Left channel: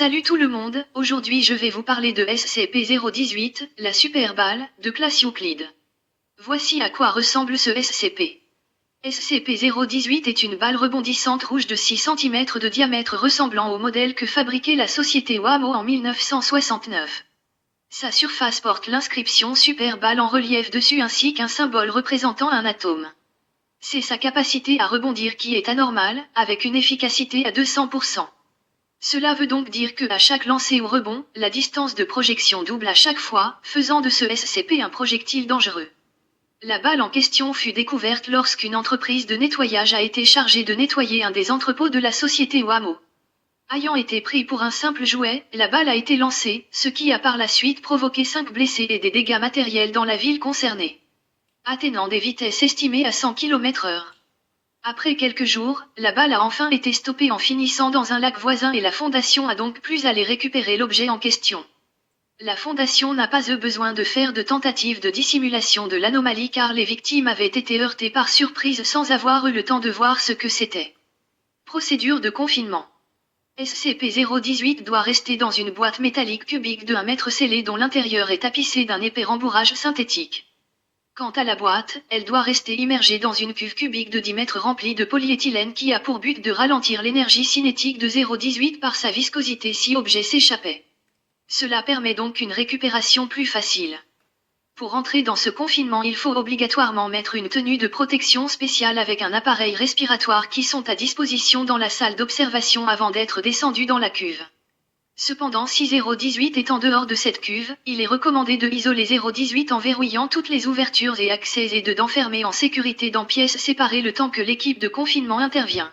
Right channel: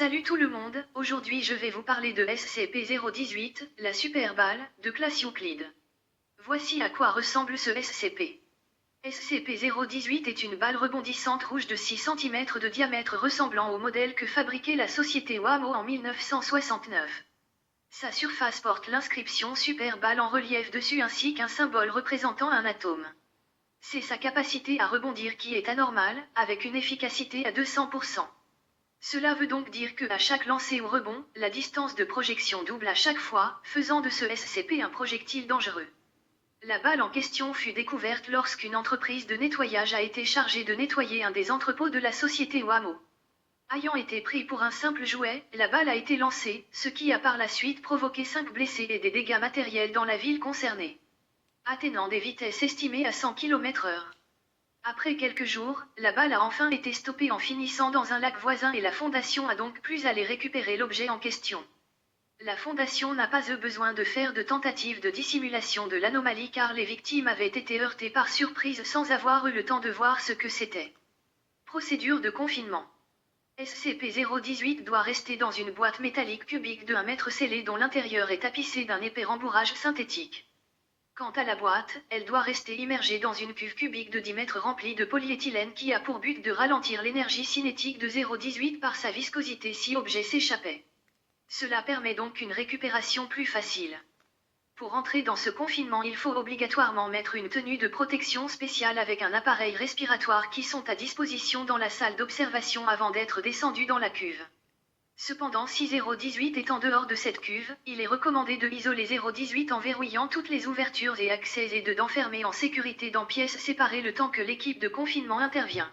Salut tout le monde, aujourd'hui je vais vous parler de SCP-018, la super balle, de classe Euclide. Voici à quoi ressemble ce SCP. SCP-018 est une balle rebondissante rouge de 6 cm de diamètre ressemblant au modèle que fabriquait la société Wamo en 1969. Sa surface porte l'inscription super balle en relief dessus ainsi qu'un symbole représentant un atome. C'est sa capacité à rebondir qui est anormale, avec une efficacité à 200%. Cela veut donc dire que à chaque lancer ou rebond, la distance de projection double à chaque fois, faisant de ce SCP un projectile dangereux. La balle en question fut découverte lorsqu'une entreprise de nettoyage a été chargée de nettoyer un des entrepôts de la société Wamo. Ayant été pris pour un simple jouet, la balle a été lancée, ce qui a par la suite provoqué 5 blessés et des dégâts matériels dans la ville concernée, atteignant des vitesses estimées à 100 km/h. Après quelques jours, la balle a enfin été stoppée en finissant dans un lac voisin et la Fondation a donc pu aller récupérer l'objet en question. La Fondation n'a pas eu besoin de faire de tentatives de dissimulation de l'anomalie car les victimes avaient été heurtées par surprise sans avoir eu le temps de voir ce que c'était. Procédure de confinement. SCP-018 doit rester dans une boîte métallique cubique de 1 mètre scellée dont l'intérieur est tapissé d'un épais rembourrage synthétique. Quant à la boîte, elle doit rester immergée dans une cuve cubique de 10 mètres remplie de polyéthylène qui a pour but de ralentir l'énergie cinétique de 018 par sa viscosité si objet s'échappait. Cela permet donc une récupération plus facile. Pour entrer dans ce confinement, il faut obligatoirement mettre une tenue de protection spéciale avec un appareil respiratoire qui sont à disposition dans la salle d'observation avant d'être descendu dans la cuve. Cependant, si 018 est en dehors de cette cuve, il est recommandé de isoler 018 en verrouillant toutes les ouvertures et accès et d'enfermer en sécurité dans pièces séparées le temps que l'équipe de confinement intervient.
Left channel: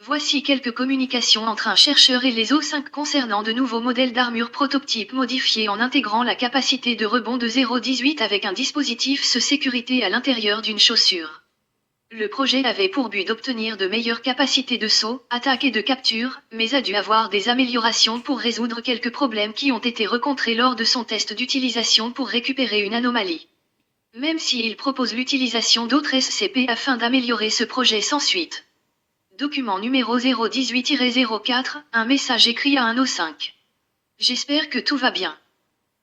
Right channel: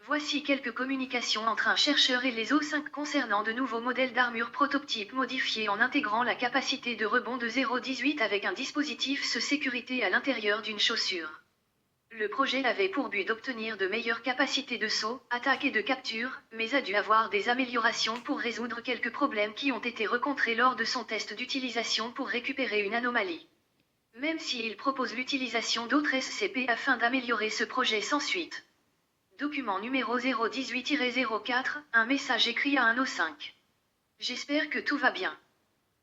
Voici quelques communications entre un chercheur et les O5 concernant de nouveaux modèles d'armure prototypes modifiés en intégrant la capacité de rebond de 018 avec un dispositif de sécurité à l'intérieur d'une chaussure. Le projet avait pour but d'obtenir de meilleures capacités de saut, attaque et de capture, mais a dû avoir des améliorations pour résoudre quelques problèmes qui ont été rencontrés lors de son test d'utilisation pour récupérer une anomalie. Même s'il propose l'utilisation d'autres SCP afin d'améliorer ce projet sans suite. Document numéro 018-04, un message écrit à un O5. J'espère que tout va bien.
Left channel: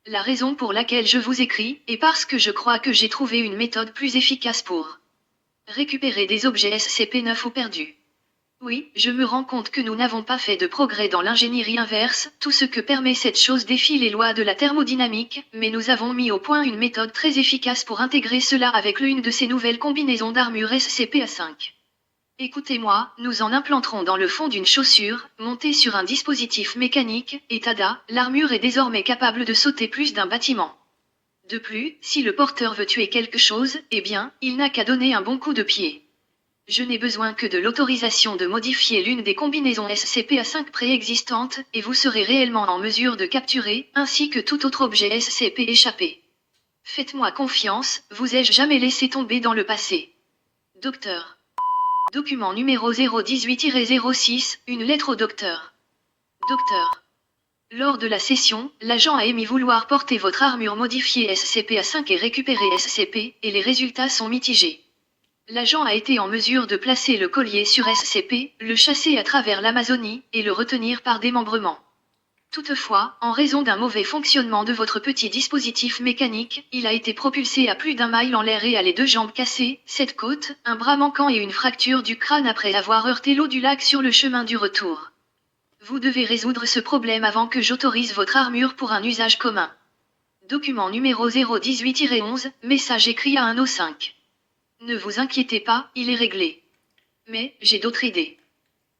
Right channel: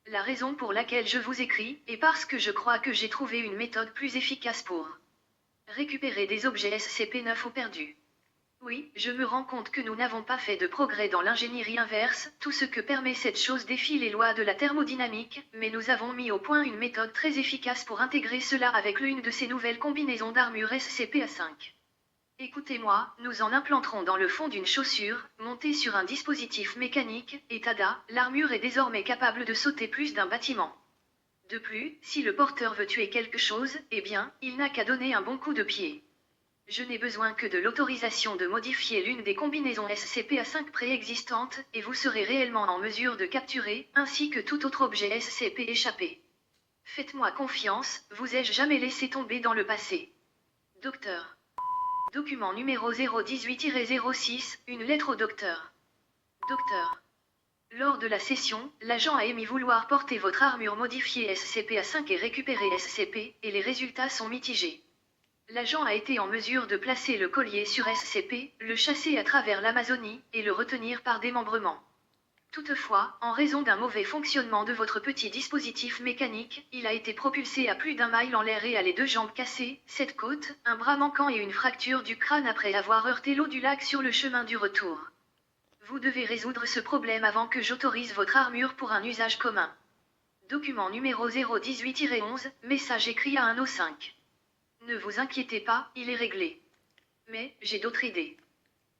La raison pour laquelle je vous écris est parce que je crois que j'ai trouvé une méthode plus efficace pour récupérer des objets SCP-9 ou perdus. Oui, je me rends compte que nous n'avons pas fait de progrès dans l'ingénierie inverse, tout ce que permet cette chose défie les lois de la thermodynamique, mais nous avons mis au point une méthode très efficace pour intégrer cela avec l'une de ces nouvelles combinaisons d'armure SCP-A5. Écoutez-moi, nous en implanterons dans le fond d'une chaussure, montée sur un dispositif mécanique, et tada, l'armure est désormais capable de sauter plus d'un bâtiment. De plus, si le porteur veut tuer quelque chose, eh bien, il n'a qu'à donner un bon coup de pied. Je n'ai besoin que de l'autorisation de modifier l'une des combinaisons SCP-A5 préexistantes, et vous serez réellement en mesure de capturer, ainsi que tout autre objet SCP échappé. Faites-moi confiance, vous ai-je jamais laissé tomber dans le passé. Docteur. Document numéro 018-06, une lettre au docteur. Docteur. Lors de la session, l'agent a émis vouloir porter votre armure modifiée SCP-A5 et récupérer SCP, et les résultats sont mitigés. L'agent a été en mesure de placer le collier sur SCP, le chasser à travers l'Amazonie, et le retenir par démembrement. Toutefois, en raison d'un mauvais fonctionnement de votre petit dispositif mécanique, il a été propulsé à plus d'1 mile en l'air et a les 2 jambes cassées, 7 côtes, un bras manquant et une fracture du crâne après avoir heurté l'eau du lac sur le chemin du retour. Vous devez résoudre ce problème avant que j'autorise votre armure pour un usage commun. Document numéro 018-11, message écrit à un O5. Ne vous inquiétez pas, il est réglé. Mais, j'ai d'autres idées.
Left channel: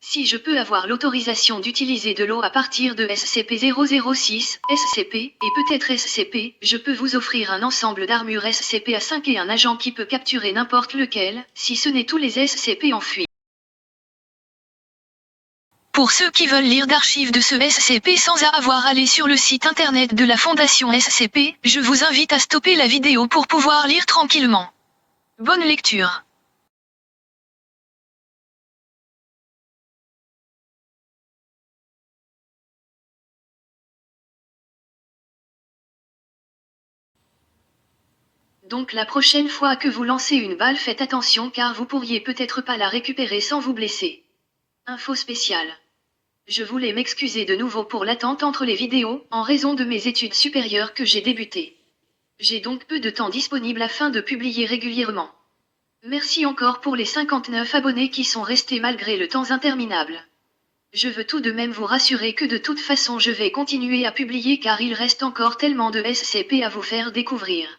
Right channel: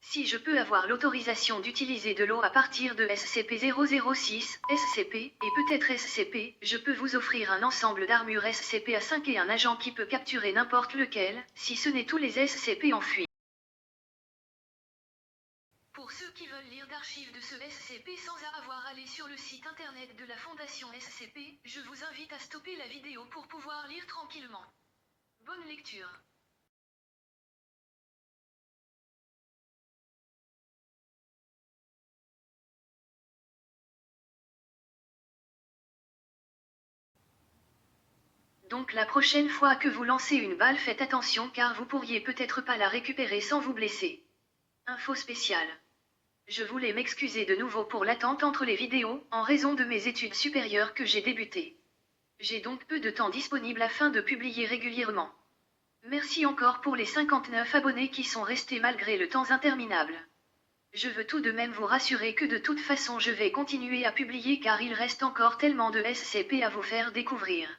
Si je peux avoir l'autorisation d'utiliser de l'eau à partir de SCP-006, SCP, et peut-être SCP, je peux vous offrir un ensemble d'armures SCP-A5 et un agent qui peut capturer n'importe lequel, si ce n'est tous les SCP en fuite. Pour ceux qui veulent lire d'archives de ce SCP sans avoir à aller sur le site internet de la Fondation SCP, je vous invite à stopper la vidéo pour pouvoir lire tranquillement. Bonne lecture. Donc la prochaine fois que vous lancez une balle, faites attention car vous pourriez peut-être pas la récupérer sans vous blesser. Info spéciale. Je voulais m'excuser de nouveau pour l'attente entre les vidéos, en raison de mes études supérieures que j'ai débutées. J'ai donc peu de temps disponible afin de publier régulièrement. Merci encore pour les 59 abonnés qui sont restés malgré le temps interminable. Je veux tout de même vous rassurer que de toute façon je vais continuer à publier car il reste encore tellement de SCP à vous faire découvrir.